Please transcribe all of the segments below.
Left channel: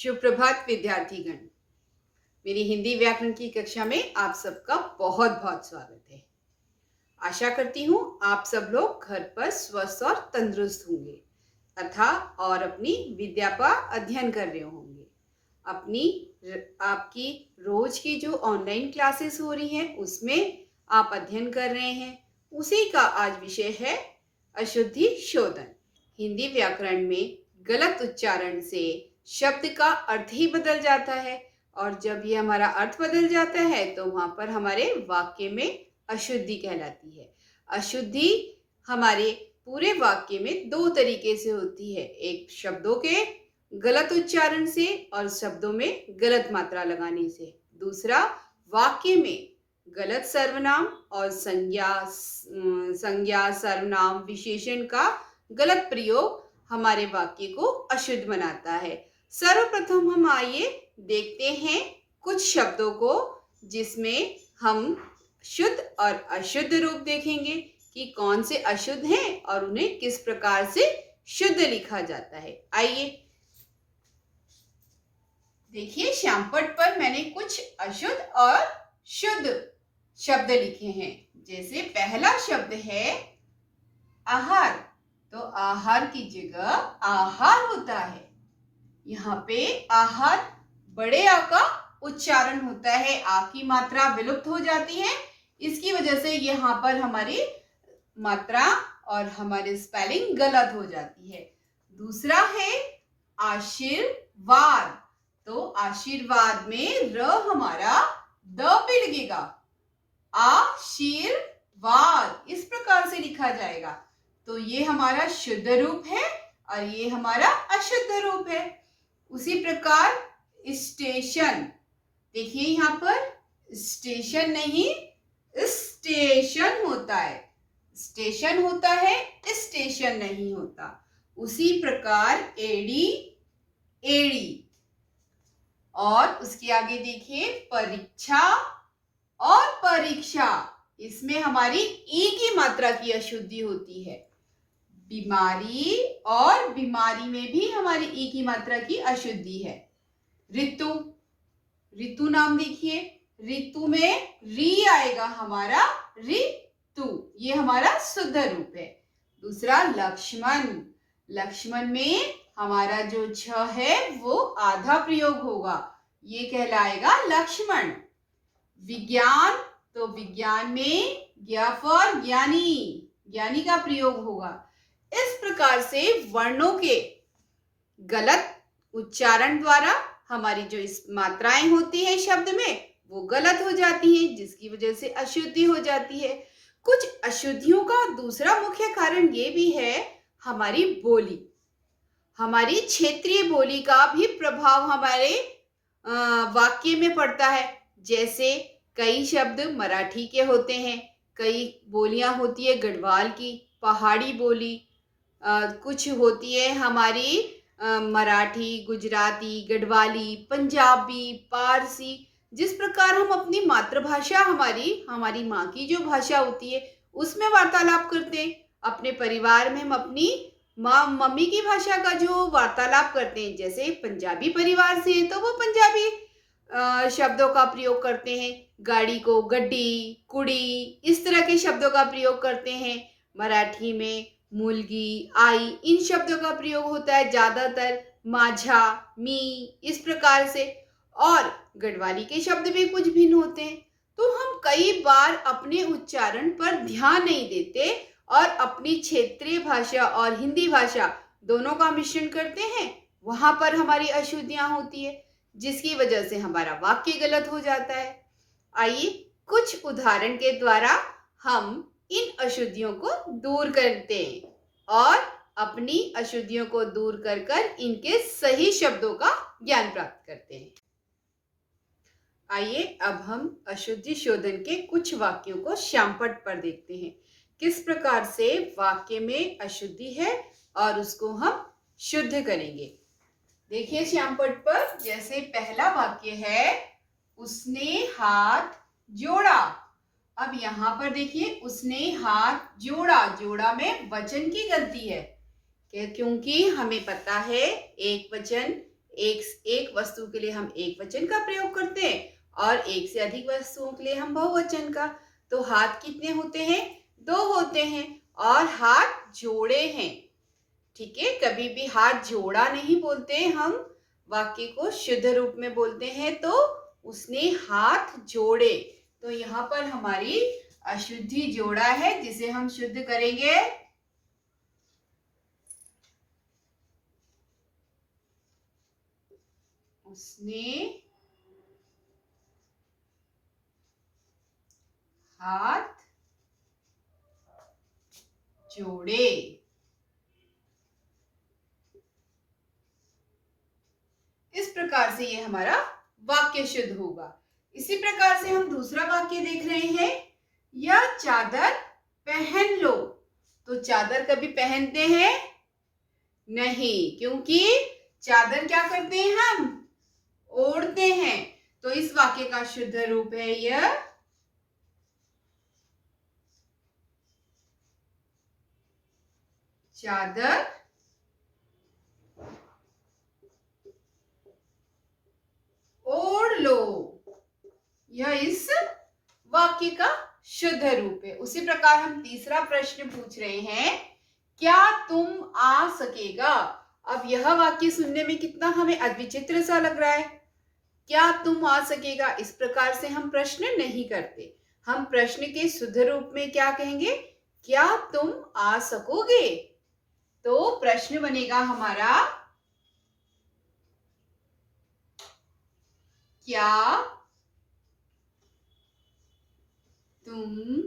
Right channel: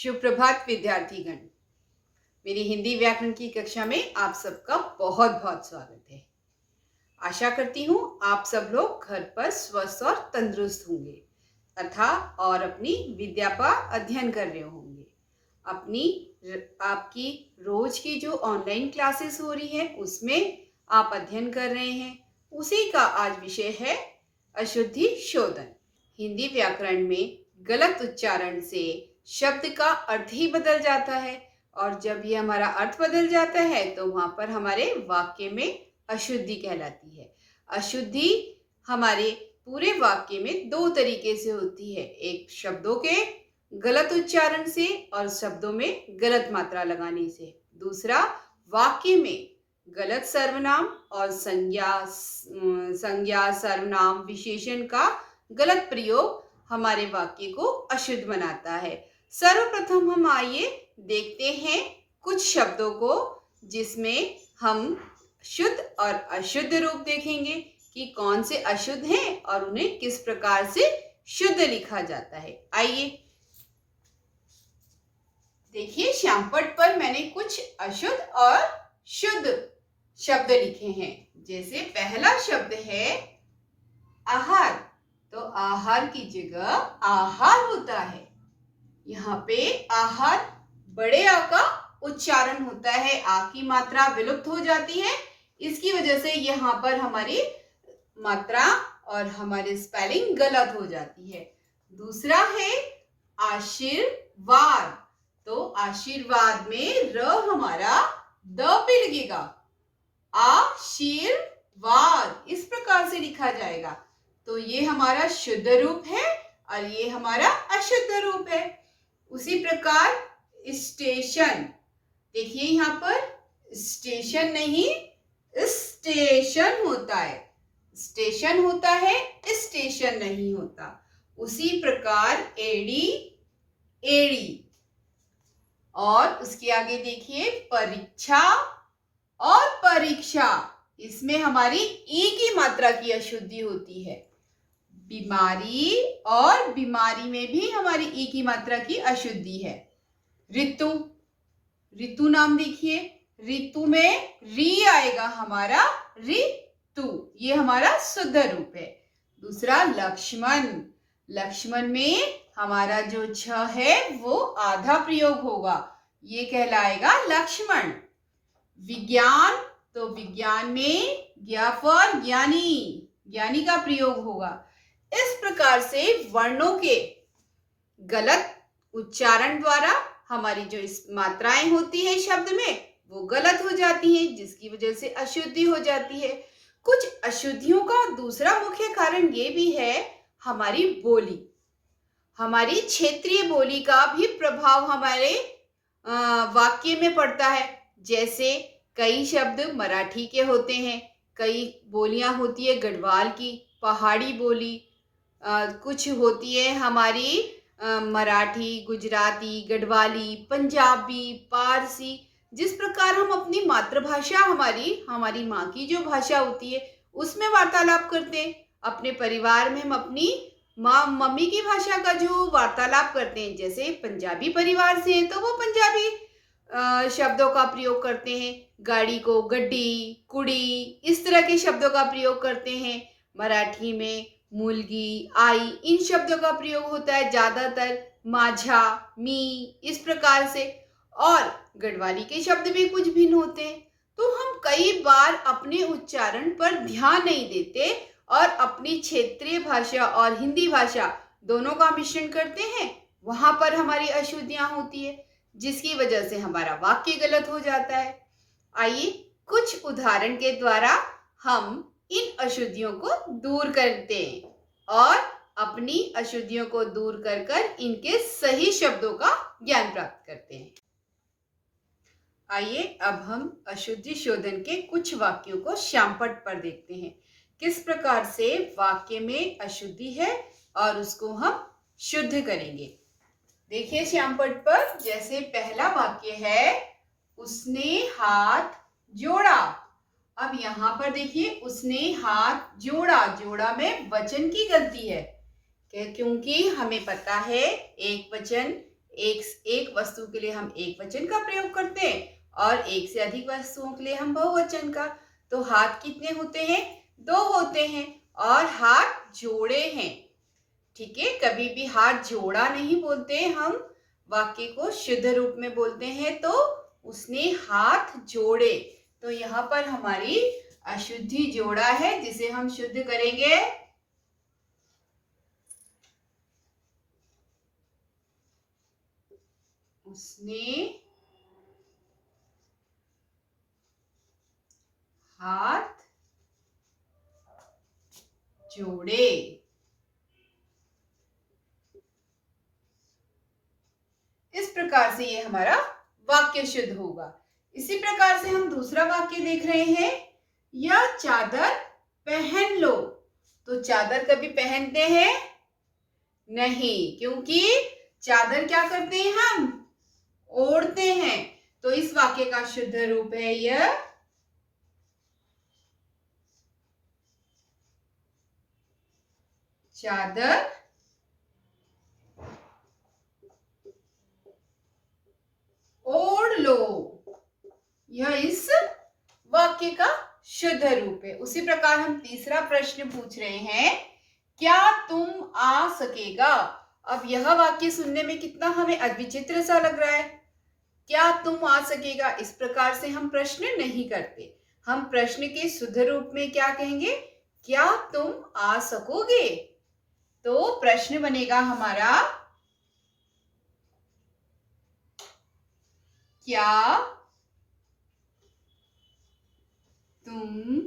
सुप्रभात विद्यार्थीगण। मेरी हिंदी व्याकरण की कक्षा में आप सबका बहुत बहुत स्वागत है। आशा करती हूँ आप सब लोग घर पर स्वस्थ और तंदुरुस्त होंगे तथा और अपनी विद्या का अध्ययन कर रहे होंगे। आपकी रोज की जो ऑनलाइन क्लासेस हो रही हैं उसमें आप अध्ययन कर रहे हैं, उसी का आज विषय है अशुद्धि शोधन। हिंदी व्याकरण में गलत उच्चारण से शब्द का अर्थ ही बदल जाता है और जब ये हमारा अर्थ बदल जाता है तो वहां पर हमारे वाक्य में अशुद्धि कहलाती है। अशुद्धि हमारे पूरे वाक्य में दो तरीके से होती है, एक शब्दों के गलत उच्चारण से और शब्दों में गलत मात्रा लगाने से, दूसरा वाक्य में गलत सर्वनाम और संज्ञा सर्वनाम विशेषण का गलत प्रयोग हमारे वाक्य को अशुद्ध बनाता है। सर्वप्रथम हम आइए देखते हैं कुछ शब्दों को जिसमें हम शुद्ध और अशुद्ध रूप देखेंगे कि कौन से अशुद्ध हैं और उन्हें किस प्रकार से शुद्ध लिखा जाता है। आइए देखिए, श्यामपट पर मैंने कुछ अशुद्ध और शुद्ध शब्द लिखे हैं। जैसे पहला शब्द है आहार, तो आहार की जगह आहार होता है। यहाँ पे आहार बड़े आ का उच्चारण होता है, आ की मात्रा विलुप्त हो जाती है, इसकी वजह से यहाँ पर हमारी मात्रा और हमारी स्पेलिंग गलत हो जाती है। दूसरा है आशीर्वाद, तो आशीर्वाद में र हमारा द पे लगेगा, आशीर्वाद इस प्रकार से लिखा जाएगा। तो ये हमारा शुद्ध रूप है और ये हमारा अशुद्ध रूप है। उसी प्रकार स्टेशन, देखिए यहाँ पर स्टेशन नहीं स्टेशन होता है, स्टेशन होता है स्टेशन नहीं होता। उसी प्रकार एड़ी एड़ी, और उसके आगे देखिए परीक्षा और परीक्षा, इसमें हमारी ई की मात्रा की अशुद्धि होती है। बीमारी और बीमारी में भी हमारी ई की मात्रा की अशुद्धि है। ऋतु, ऋतु नाम देखिए, ऋतु में री आएगा हमारा ऋतु, ये हमारा शुद्ध रूप है। दूसरा लक्ष्मण, लक्ष्मण में हमारा जो छ है वो आधा प्रयोग होगा, ये कहलाएगा लक्ष्मण। विज्ञान, तो विज्ञान में ज्ञ फॉर ज्ञानी, ज्ञानी का प्रयोग होगा। इस प्रकार से वर्णों के गलत उच्चारण द्वारा हमारी जो इस मात्राएं होती है शब्द में वो गलत हो जाती हैं, जिसकी वजह से अशुद्धि हो जाती है। कुछ अशुद्धियों का दूसरा मुख्य कारण ये भी है हमारी बोली, हमारी क्षेत्रीय बोली का भी प्रभाव हमारे वाक्य में पड़ता है। जैसे कई शब्द मराठी के होते हैं, कई बोलियां होती है गढ़वाल की, पहाड़ी बोली, कुछ होती है हमारी मराठी, गुजराती, गढ़वाली, पंजाबी, पारसी। जिस प्रकार हम अपनी मातृभाषा हमारी माँ की जो भाषा होती है उसमें वार्तालाप करते हैं, अपने परिवार में हम अपनी माँ मम्मी की भाषा का जो वार्तालाप करते हैं, जैसे पंजाबी परिवार से हैं तो वो पंजाबी शब्दों का प्रयोग करते हैं, गाड़ी को गड्डी, कुड़ी, इस तरह के शब्दों का प्रयोग करते हैं। मराठी में मुलगी, आई, इन शब्दों का प्रयोग होता है ज्यादातर, माझा, मी, इस प्रकार से। और गढ़वाली के शब्द भी कुछ भिन्न होते हैं। तो हम कई बार अपने उच्चारण पर ध्यान नहीं देते और अपनी क्षेत्रीय भाषा और हिंदी भाषा दोनों का मिश्रण करते हैं, वहां पर हमारी अशुद्धियां होती है, जिसकी वजह से हमारा वाक्य गलत हो जाता है। आइए कुछ उदाहरण के द्वारा हम इन अशुद्धियों को दूर करते हैं और अपनी अशुद्धियों को दूर कर कर इनके सही शब्दों का ज्ञान प्राप्त करते हैं। आइए अब हम अशुद्धि शोधन के कुछ वाक्यों को श्यामपट पर देखते हैं, किस प्रकार से वाक्य में अशुद्धि है और उसको हम शुद्ध करेंगे। देखिए श्यामपट पर, जैसे पहला वाक्य है उसने हाथ जोड़ा। अब यहाँ पर देखिए उसने हाथ जोड़ा, जोड़ा में वचन की गलती है, क्योंकि हमें पता है एक वचन एक वस्तु के लिए हम एक वचन का प्रयोग करते हैं और एक से अधिक वस्तुओं के लिए हम बहुवचन का। तो हाथ कितने होते हैं? 2 होते हैं और हाथ जोड़े हैं। ठीक है, कभी भी हाथ जोड़ा नहीं बोलते, हम वाक्य को शुद्ध रूप में बोलते हैं तो उसने हाथ जोड़े। तो यहाँ पर हमारी अशुद्धि जोड़ा है जिसे हम शुद्ध करेंगे। उसने हाथ जोड़े। इस प्रकार से ये हमारा वाक्य शुद्ध होगा। इसी प्रकार से हम दूसरा वाक्य देख रहे हैं, यह चादर पहन लो। तो चादर कभी पहनते हैं? नहीं, क्योंकि चादर क्या करते हैं हम? ओढ़ते हैं। तो इस वाक्य का शुद्ध रूप है यह चादर ओढ़ लो। यह इस वाक्य का शुद्ध रूप है। उसी प्रकार हम तीसरा प्रश्न पूछ रहे हैं, क्या तुम आ सकेगा? अब यह वाक्य सुनने में कितना हमें अविचित्र सा लग रहा है। क्या तुम आ सकेगा, इस प्रकार से हम प्रश्न नहीं करते। हम प्रश्न के शुद्ध रूप में क्या कहेंगे? क्या तुम आ सकोगे? तो प्रश्न बनेगा हमारा, क्या तुम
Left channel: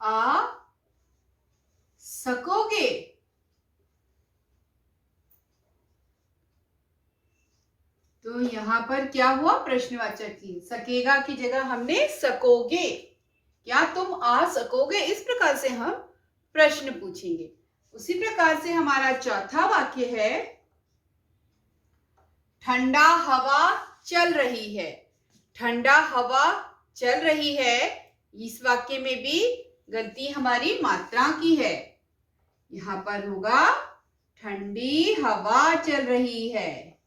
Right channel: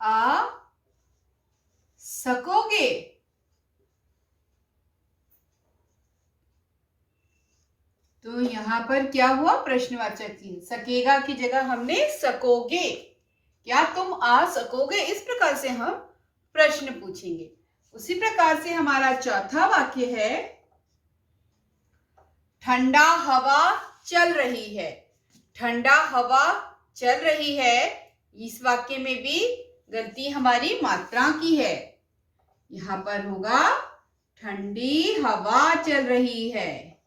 आ सकोगे? तो यहाँ पर क्या हुआ? प्रश्नवाचक चिन्ह, सकेगा की जगह हमने सकोगे। क्या तुम आ सकोगे? इस प्रकार से हम प्रश्न पूछेंगे। उसी प्रकार से हमारा चौथा वाक्य है, ठंडा हवा चल रही है। ठंडा हवा चल रही है, इस वाक्य में भी गलती हमारी मात्रा की है। यहाँ पर होगा ठंडी हवा चल रही है।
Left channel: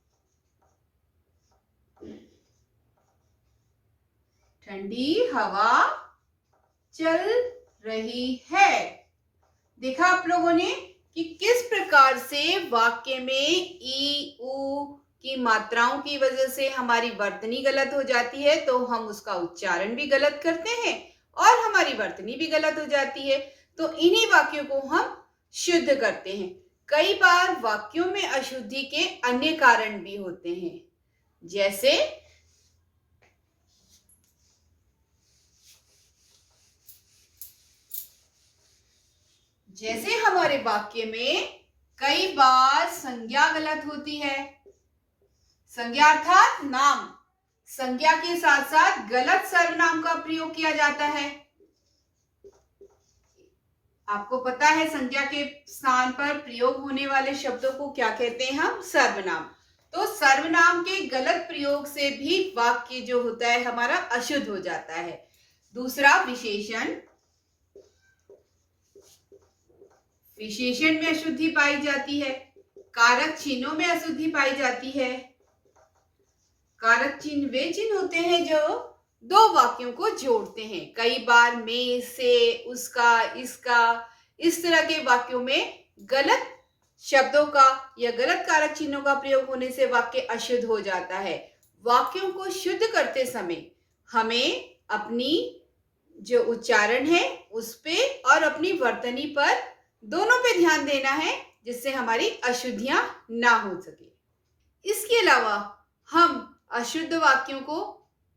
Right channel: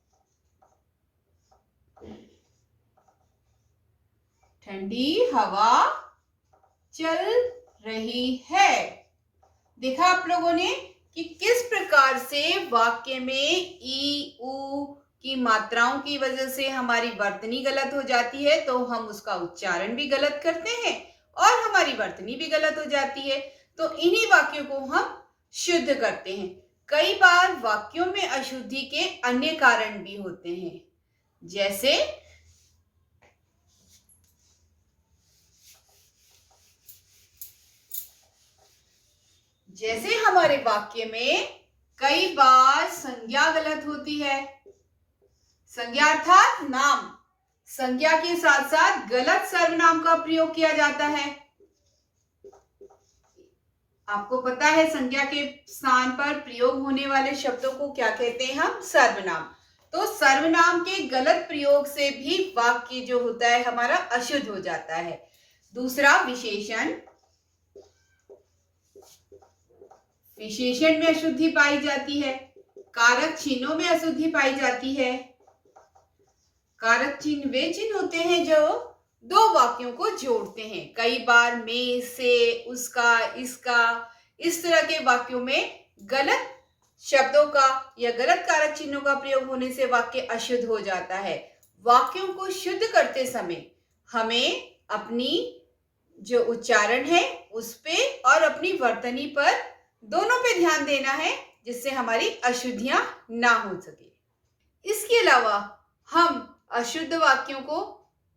ठंडी हवा चल रही है। देखा आप लोगों ने कि किस प्रकार से वाक्य में ई उ की मात्राओं की वजह से हमारी वर्तनी गलत हो जाती है, तो हम उसका उच्चारण भी गलत करते हैं और हमारी वर्तनी भी गलत हो जाती है। तो इन्हीं वाक्यों को हम शुद्ध करते हैं। कई बार वाक्यों में अशुद्धि के अन्य कारण भी होते हैं, जैसे हमारे वाक्य में कई बार संज्ञा गलत होती है। संज्ञा अर्थात नाम, संज्ञा के साथ साथ गलत सर्वनाम का प्रयोग किया जाता है। आपको पता है संज्ञा के स्थान पर प्रयोग होने वाले शब्दों को क्या कहते हैं हम? सर्वनाम। तो सर्वनाम के गलत प्रयोग से भी वाक्य जो होता है हमारा अशुद्ध हो जाता है। दूसरा विशेषण, विशेषण में अशुद्धि पाई जाती है। कारक चिन्हों में अशुद्धि पाई जाती है। कारक चिन्ह वे चिन्ह होते हैं जो दो वाक्यों को जोड़ते हैं। कई बार में, से, उसका, इसका, इस तरह के वाक्यों में गलत शब्दों का या गलत कारक चिन्हों का प्रयोग होने से वाक्य अशुद्ध हो जाता है। वाक्यों को शुद्ध करते समय हमें अपनी जो उच्चारण है उस पे और अपनी वर्तनी पर दोनों पे ध्यान देना है, जिससे हमारी अशुद्धियां ना हो सके। इसके अलावा हम अशुद्ध वाक्यों को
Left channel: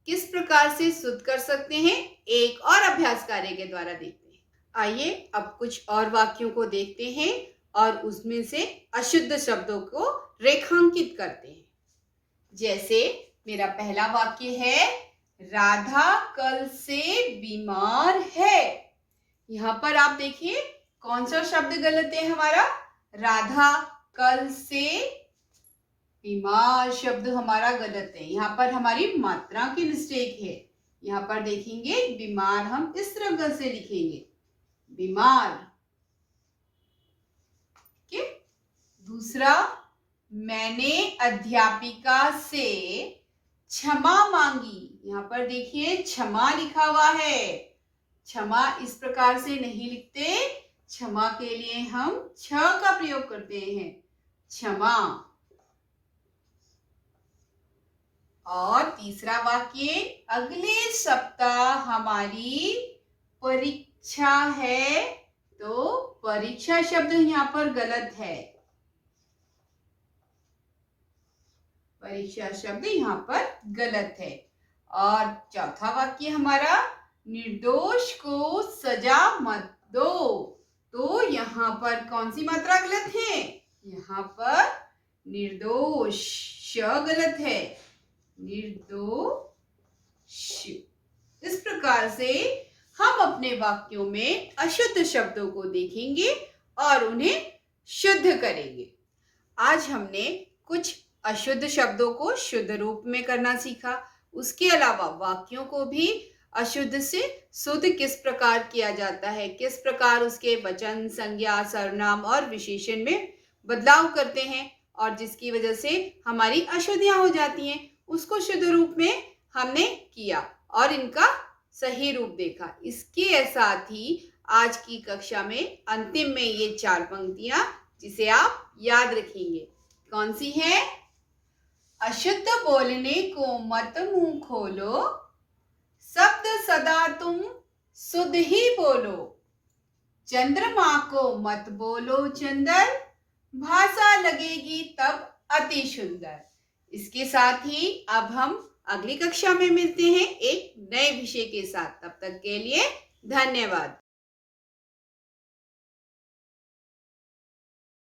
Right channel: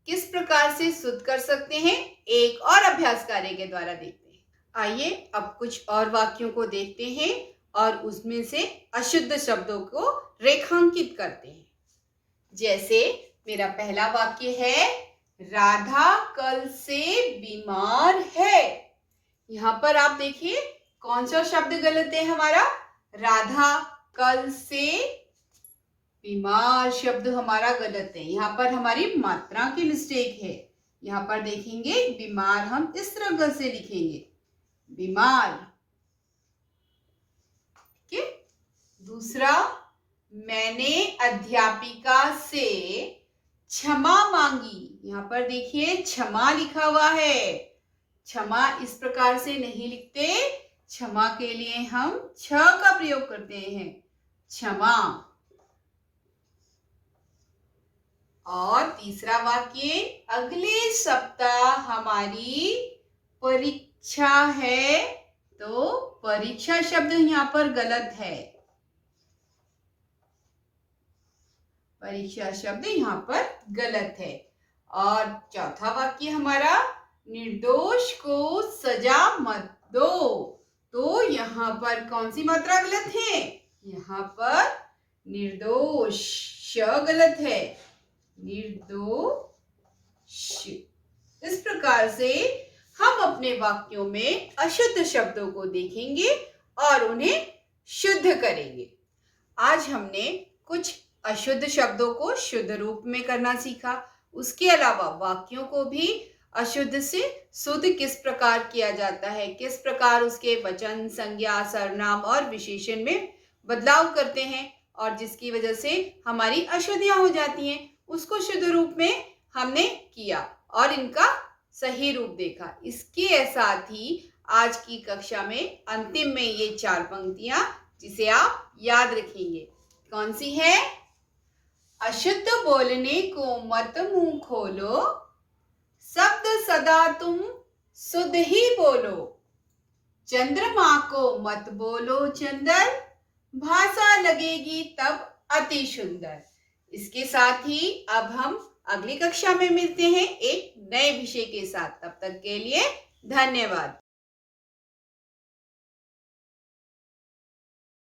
किस प्रकार से शुद्ध कर सकते हैं, एक और अभ्यास कार्य के द्वारा देखते हैं। आइए अब कुछ और वाक्यों को देखते हैं और उसमें से अशुद्ध शब्दों को रेखांकित करते हैं। जैसे मेरा पहला वाक्य है, राधा कल से बीमार है। यहाँ पर आप देखिए कौन सा शब्द गलत है हमारा? राधा कल से बीमार शब्द हमारा गलत है। यहाँ पर हमारी मात्रा की मिस्टेक है। यहाँ पर देखेंगे बीमार हम इस तरह से लिखेंगे, बीमार। ठीक है, दूसरा, मैंने अध्यापिका से क्षमा मांगी। यहाँ पर देखिए क्षमा लिखा हुआ है। क्षमा इस प्रकार से नहीं लिखते, क्षमा के लिए हम छ का प्रयोग करते हैं, क्षमा। और तीसरा वाक्य, अगले सप्ताह हमारी परीक्षा है। तो परीक्षा शब्द यहाँ पर गलत है, परीक्षा शब्द यहाँ पर गलत है। और चौथा वाक्य हमारा, निर्दोष को सजा मत दो। तो यहाँ पर कौन सी मात्रा गलत है? यहाँ पर निर्दोष श गलत है, निर्दोष। इस प्रकार से हम अपने वाक्यों में अशुद्ध शब्दों को देखेंगे और उन्हें शुद्ध करेंगे। आज हमने कुछ अशुद्ध शब्दों को शुद्ध रूप में करना सीखा। उसके अलावा वाक्यों को भी अशुद्ध से शुद्ध किस प्रकार किया जाता है, किस प्रकार उसके वचन, संज्ञा, सर्वनाम और विशेषण में बदलाव करते हैं और जिसकी वजह से हमारी अशुद्धियां हो जाती हैं, उसको शुद्ध रूप में हमने किया और इनका सही रूप देखा। इसके साथ ही आज की कक्षा में अंतिम में ये 4 पंक्तियां जिसे आप याद रखेंगे, कौन सी है? अशुद्ध बोलने को मत मुंह खोलो, शब्द सदा तुम शुद्ध ही बोलो। चंद्रमा को मत बोलो चंदर, भाषा लगेगी तब अति सुंदर। इसके साथ ही अब हम अगली कक्षा में मिलते हैं एक नए विषय के साथ। तब तक के लिए धन्यवाद।